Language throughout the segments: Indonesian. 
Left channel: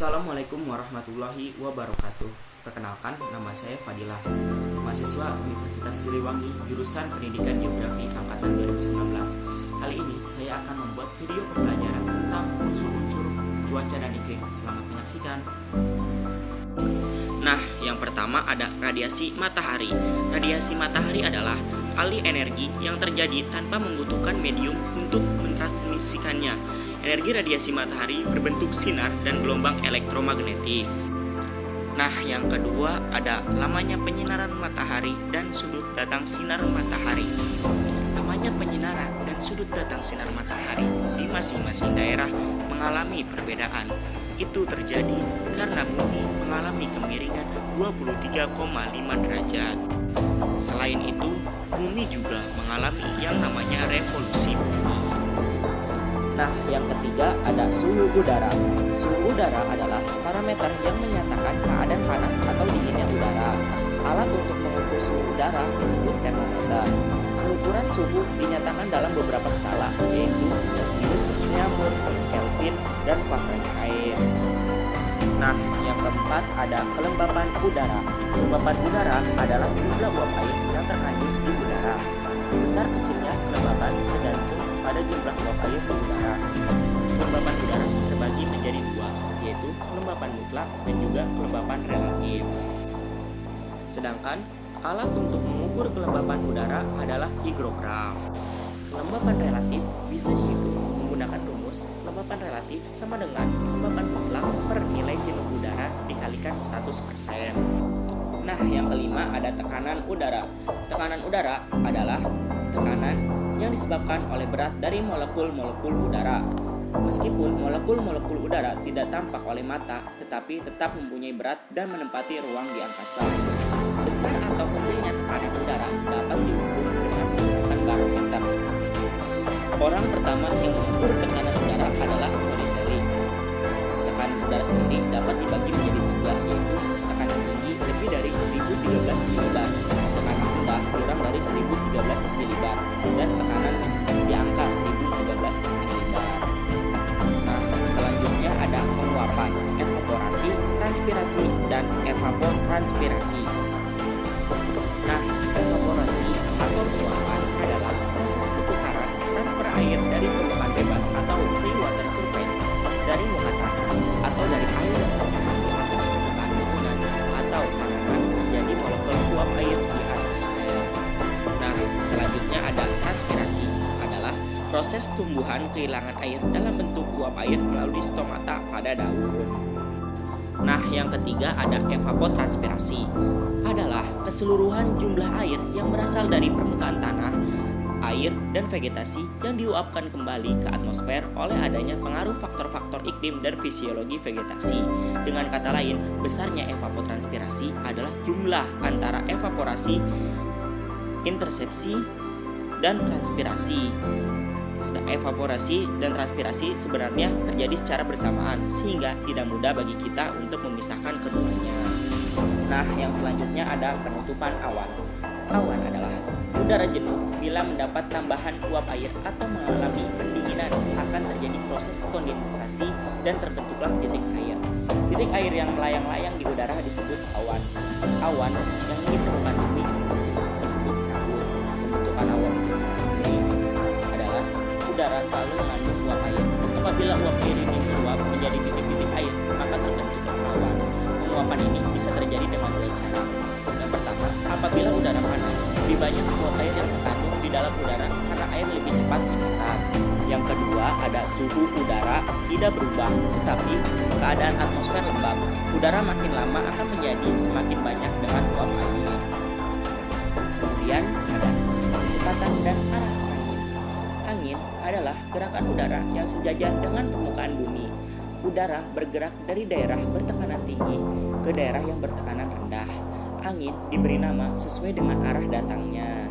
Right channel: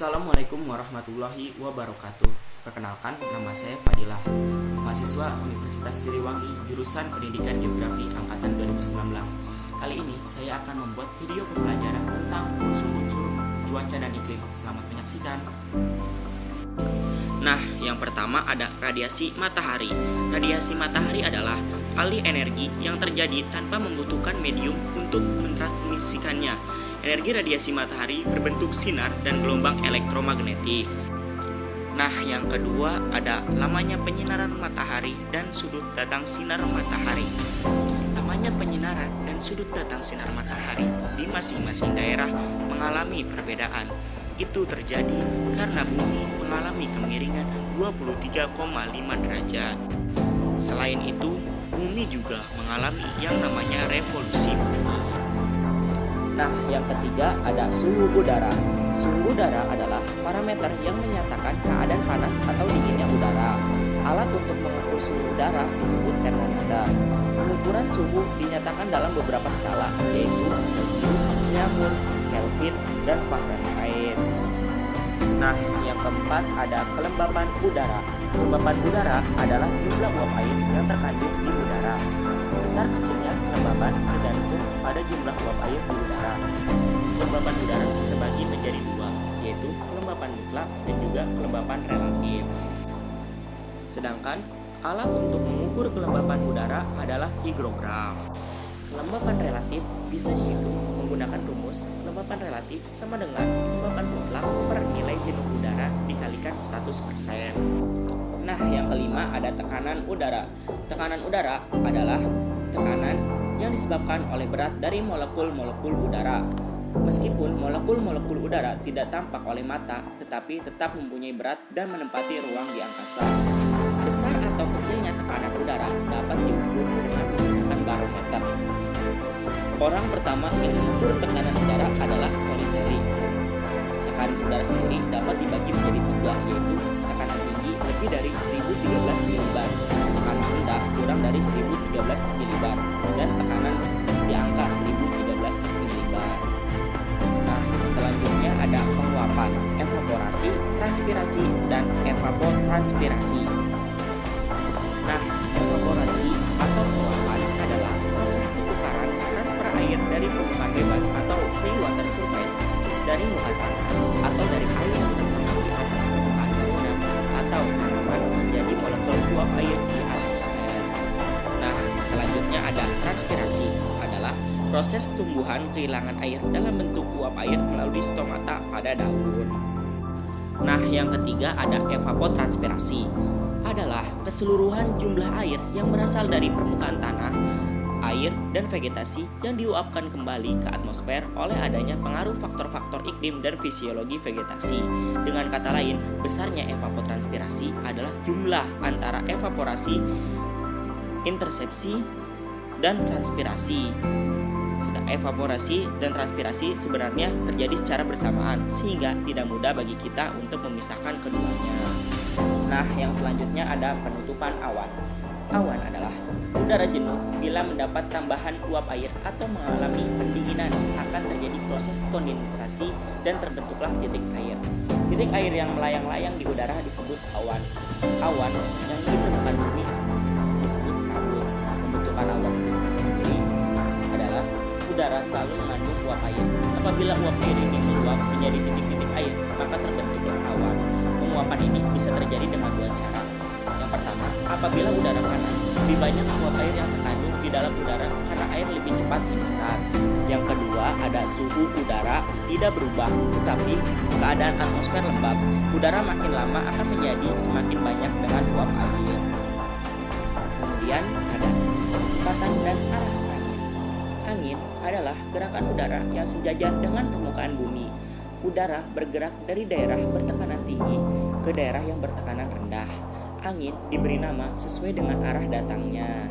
Assalamualaikum warahmatullahi wabarakatuh. Perkenalkan, nama saya Fadilah, mahasiswa Universitas Siliwangi, jurusan Pendidikan Geografi angkatan 2019. Kali ini saya akan membuat video pembelajaran tentang unsur-unsur cuaca dan iklim. Selamat menyaksikan. Nah, yang pertama ada radiasi matahari. Radiasi matahari adalah alih energi yang terjadi tanpa membutuhkan medium untuk mentransmisikannya. Energi radiasi matahari berbentuk sinar dan gelombang elektromagnetik. Nah, yang kedua ada lamanya penyinaran matahari dan sudut datang sinar matahari. Lamanya penyinaran dan sudut datang sinar matahari di masing-masing daerah mengalami perbedaan. Itu terjadi karena bumi mengalami kemiringan 23,5 derajat. Selain itu, bumi juga mengalami yang namanya revolusi bumi. Nah, yang ketiga ada suhu udara. Suhu udara adalah parameter yang menyatakan keadaan panas atau dinginnya udara. Alat untuk mengukur suhu udara disebut termometer. Pengukuran suhu dinyatakan dalam beberapa skala, yaitu Celcius, Nyammur, Kelvin, dan Fahrenheit. Nah, yang keempat ada kelembapan udara. Kelembapan udara adalah jumlah uap air yang terkandung di udara. Besar kecilnya kelembapan tergantung pada jumlah uap air di udara. Kelembapan udara terbagi menjadi dua, yaitu kelembapan mutlak dan juga kelembapan relatif. Sedangkan alat untuk mengukur kelembapan udara adalah higrograf. Kelembapan relatif bisa dihitung menggunakan rumus kelembapan relatif sama dengan kelembapan mutlak per nilai jenuh udara dikalikan 100%. Nah, yang kelima ada tekanan udara. Tekanan udara adalah tekanan yang disebabkan oleh berat dari molekul-molekul udara. Meskipun molekul-molekul udara tidak tampak oleh mata, tetapi tetap mempunyai berat dan menempati ruang di angkasa. Besar atau kecilnya tekanan udara dapat diukur dengan menggunakan barometer. Orang pertama yang mengukur tekanan udara adalah Torricelli. Tekanan udara sendiri dapat dibagi menjadi tiga, yaitu tekanan tinggi lebih dari 1013 milibar, tekanan rendah kurang dari 1013 milibar, dan tekanan di angka 1013 milibar. Nah, selanjutnya ada penguapan, evaporasi, transpirasi, dan evapotranspirasi. Nah, evaporasi atau penguapan adalah proses pertukaran transfer air dari permukaan bebas atau free water surface dari muka tanah atau dari air yang tertahan di atas permukaan bangunan atau tanaman menjadi molekul uap air di atmosfer. Nah, selanjutnya ada transpirasi, adalah proses tumbuhan kehilangan air dalam bentuk uap air melalui stomata pada daun. Nah, yang ketiga ada evapotranspirasi, adalah keseluruhan jumlah air yang berasal dari permukaan tanah, air, dan vegetasi yang diuapkan kembali ke atmosfer oleh adanya pengaruh faktor-faktor iklim dan fisiologi vegetasi. Dengan kata lain, besarnya evapotranspirasi adalah jumlah antara evaporasi, intersepsi, dan transpirasi. Evaporasi dan transpirasi sebenarnya terjadi secara bersamaan sehingga tidak mudah bagi kita untuk memisahkan keduanya. Nah, yang selanjutnya ada penutupan awan. Awan adalah udara jenuh bila mendapat tambahan uap air atau mengalami pendinginan, akan terjadi proses kondensasi dan terbentuklah titik air. Titik air yang melayang-layang di udara disebut awan. Awan yang di permukaan bumi disebut kabut. Pembentukan awan itu sendiri adalah udara selalu mengandung uap air. Apabila uap air ini meluap menjadi titik-titik air, maka terbentuklah awan. Penguapan ini bisa terjadi dengan dua cara. Yang pertama, apabila udara panas, lebih banyak uap air yang terkandung di dalam udara karena air lebih cepat menyesat. Yang kedua, ada suhu udara tidak berubah, tetapi keadaan atmosfer lembab. Udara makin lama akan menjadi semakin banyak dengan uap air. Kemudian ada kecepatan dan arah angin. Angin adalah gerakan udara yang sejajar dengan permukaan bumi. Udara bergerak dari daerah bertekanan tinggi ke daerah yang bertekanan rendah. Angin diberi nama sesuai dengan arah datangnya.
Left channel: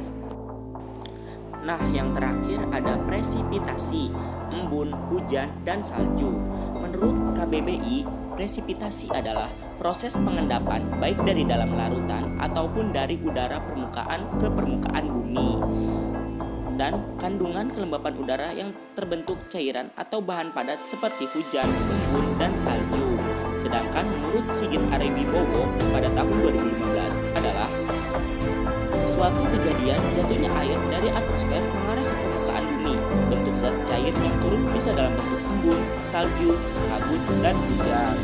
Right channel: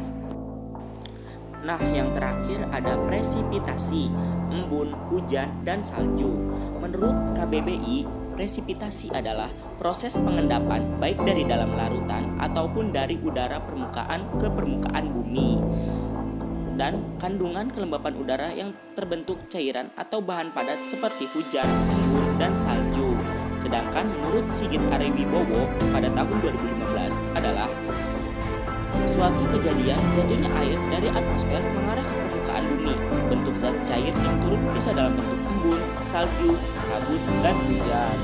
Nah, yang terakhir ada presipitasi, embun, hujan, dan salju. Menurut KBBI, presipitasi adalah proses pengendapan baik dari dalam larutan ataupun dari udara permukaan ke permukaan bumi. dan kandungan kelembapan udara yang terbentuk cairan atau bahan padat seperti hujan, embun, dan salju. Sedangkan menurut Sigit Ariwibowo pada tahun 2015 adalah suatu kejadian jatuhnya air dari atmosfer mengarah ke permukaan bumi. Bentuk zat cair yang turun bisa dalam bentuk embun, salju, kabut, dan hujan.